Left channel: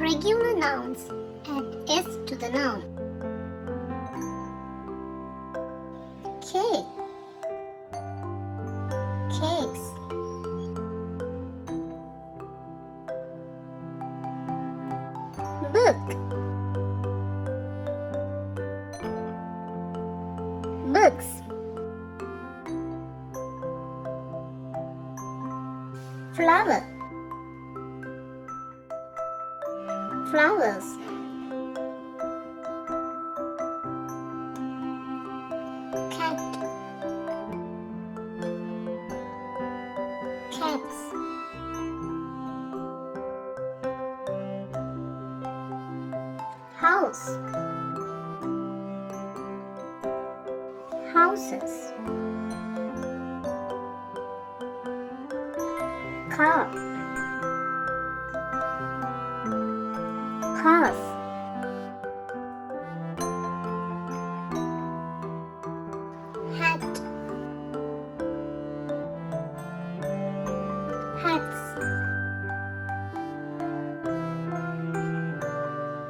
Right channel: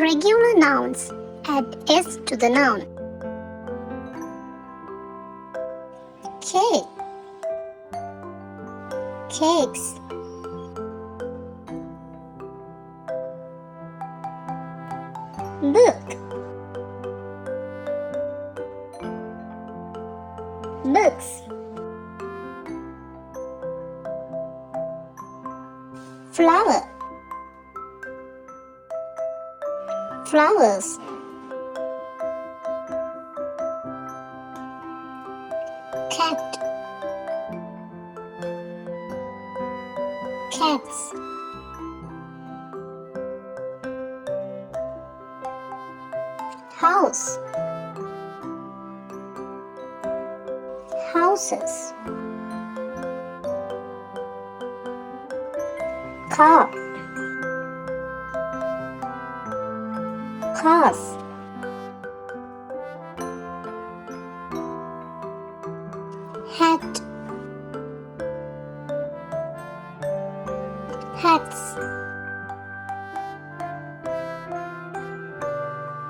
Regular nouns add s to the noun. Cake, cakes. Book, books. Flower, flowers. Cat, cats. House, houses. Car, cars. Hat, hats.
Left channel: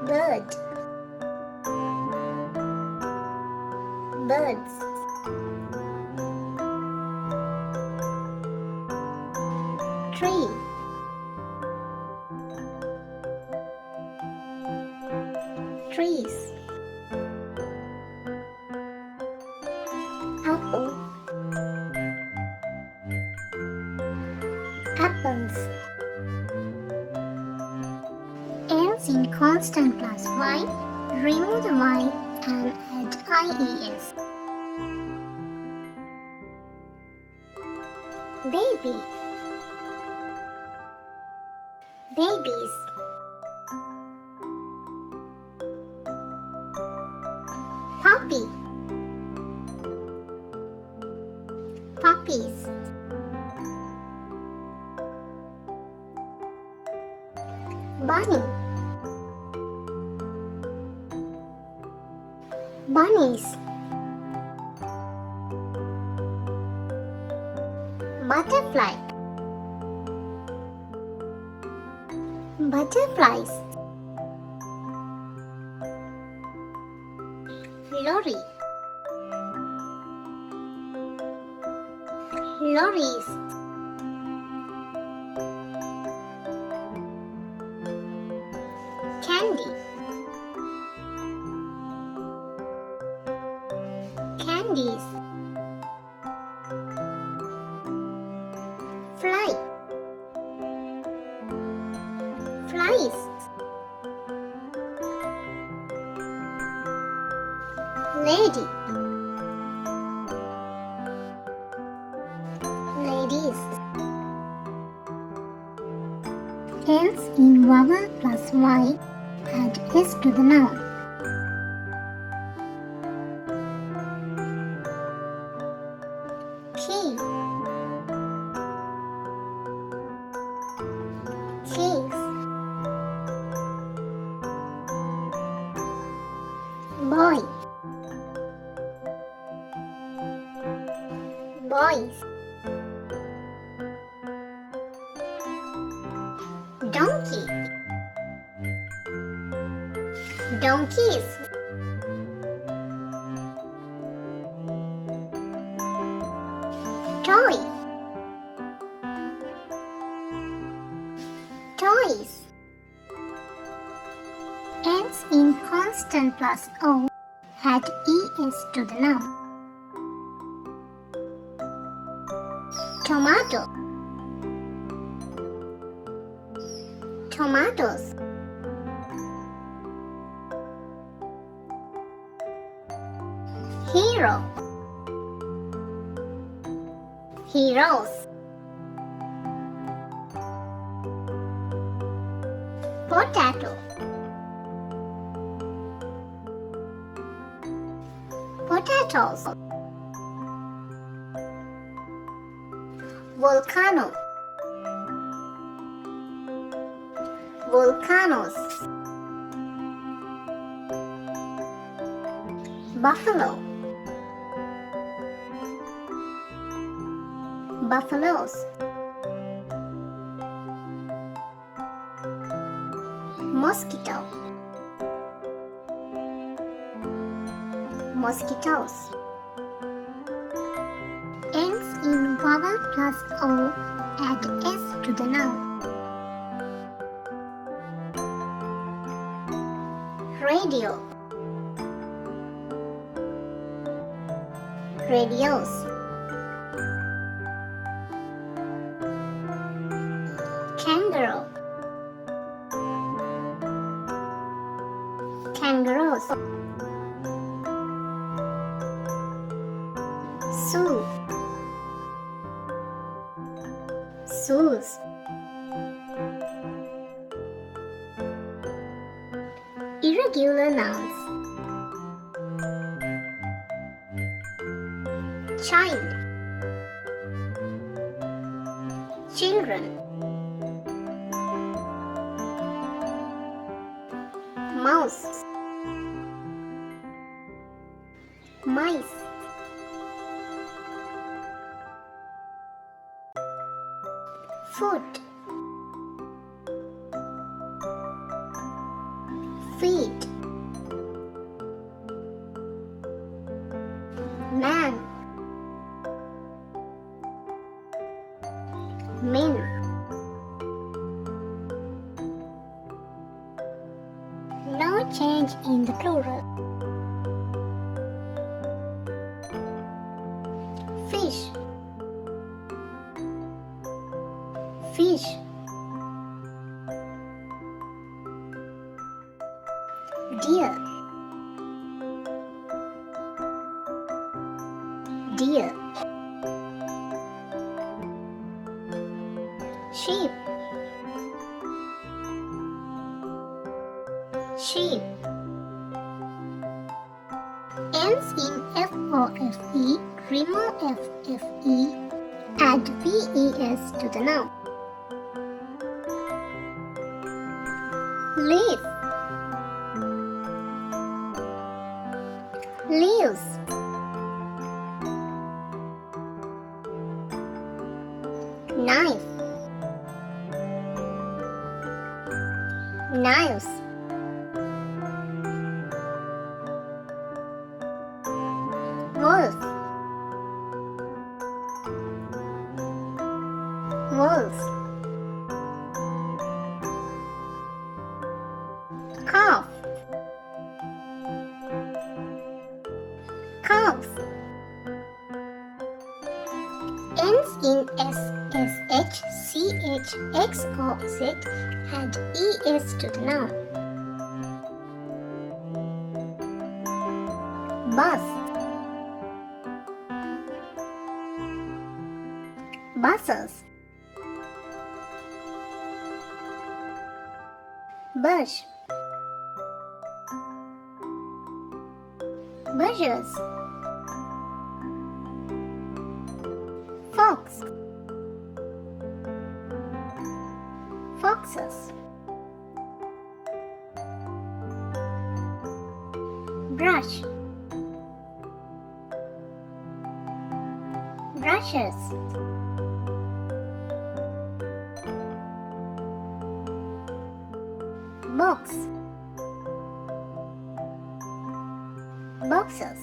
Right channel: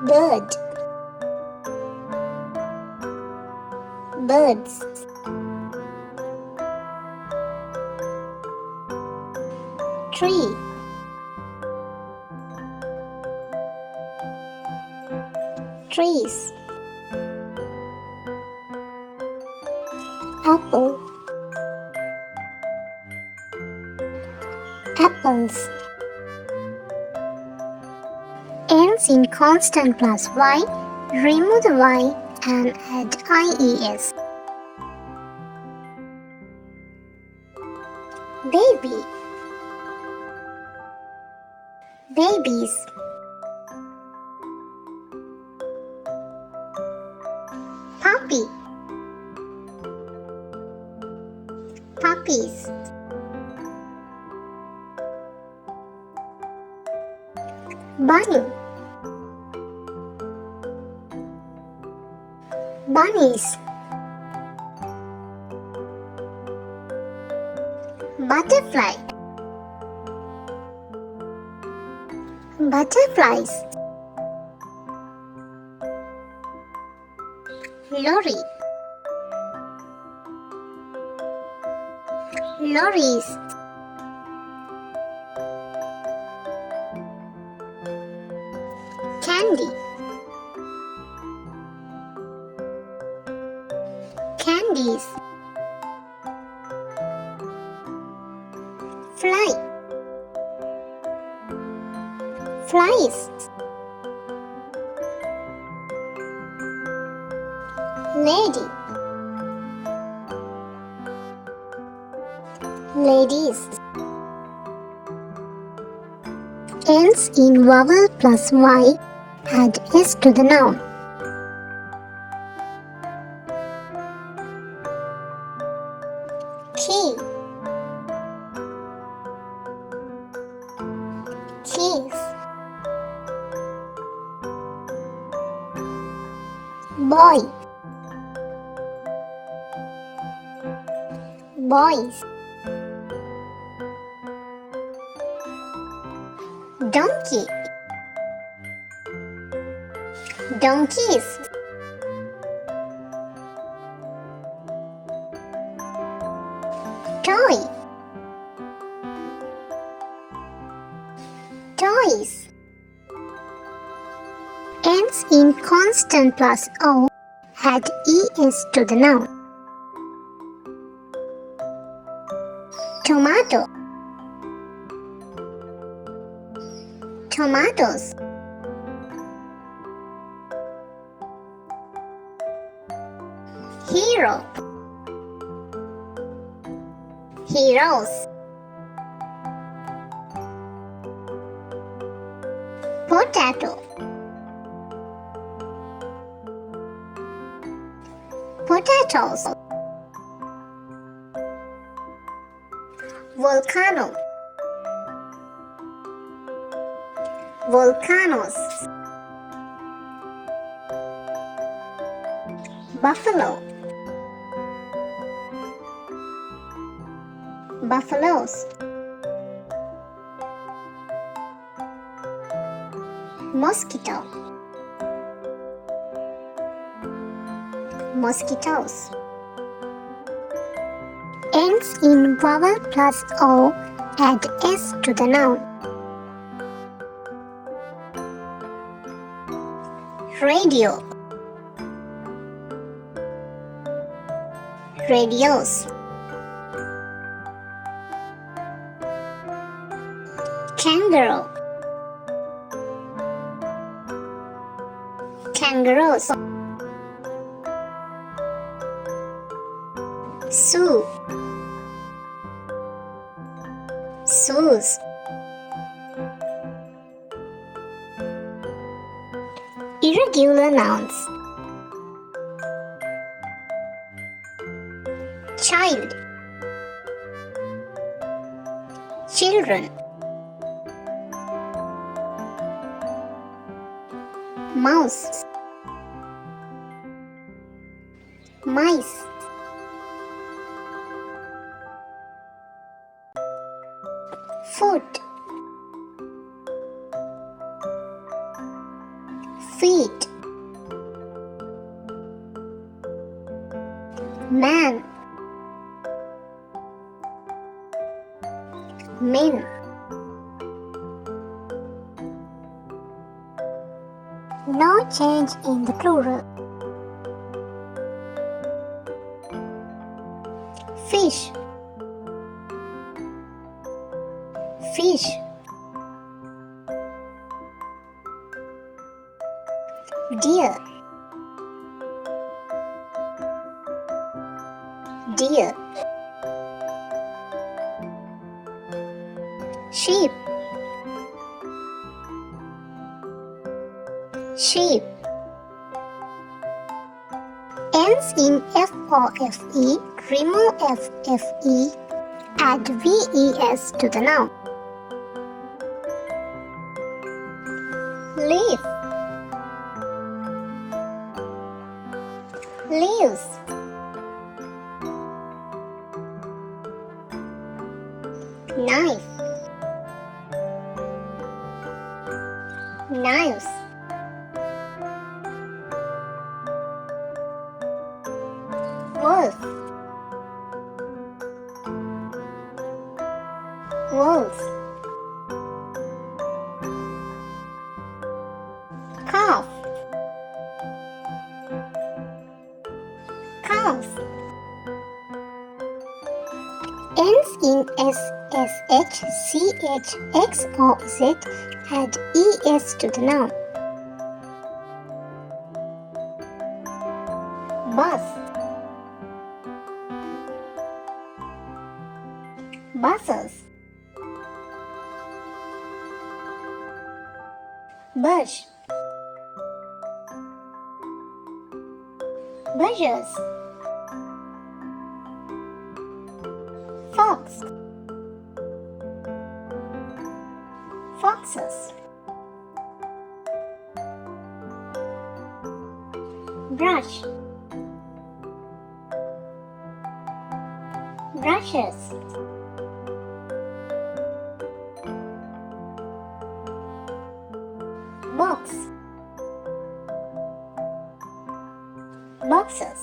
Bird, birds. Tree, trees. Apple, apples. Ends in constant plus y, remove the y and add ies. Baby, babies. Puppy, puppies. Bunny, bunnies. Butterfly, butterflies. Lorry, lorries. Candy, candies. Fly, flies. Lady, ladies. Ends in vowel plus y, add s to the noun. Key, keys. Boy, boys. Donkey, donkeys. Toy, toys. Ends in constant plus o, add es to the noun. Tomato, tomatoes. Hero, heroes. Potato, potatoes. Volcano, volcanoes. Buffalo, buffaloes. Mosquito, mosquitoes. Ends in vowel plus O, add S to the noun. Radio, radios. Kangaroo, kangaroos. Sue, sues. Irregular nouns. Child, children. Mouse, mice. Foot, feet. Man, men. No change in the plural. Fish, fish. Deer, deer. Sheep, sheep. Ends in FOFE, remove FFE, add VES to the noun. Leaf, leaves. Knife, knives. Wolf, wolves. Calf, calves. Ends in SSH, CH, XOZ, add ES to the noun. Bus, buses. Bush, bushes. Fox, foxes. Brush, brushes. Box, boxes.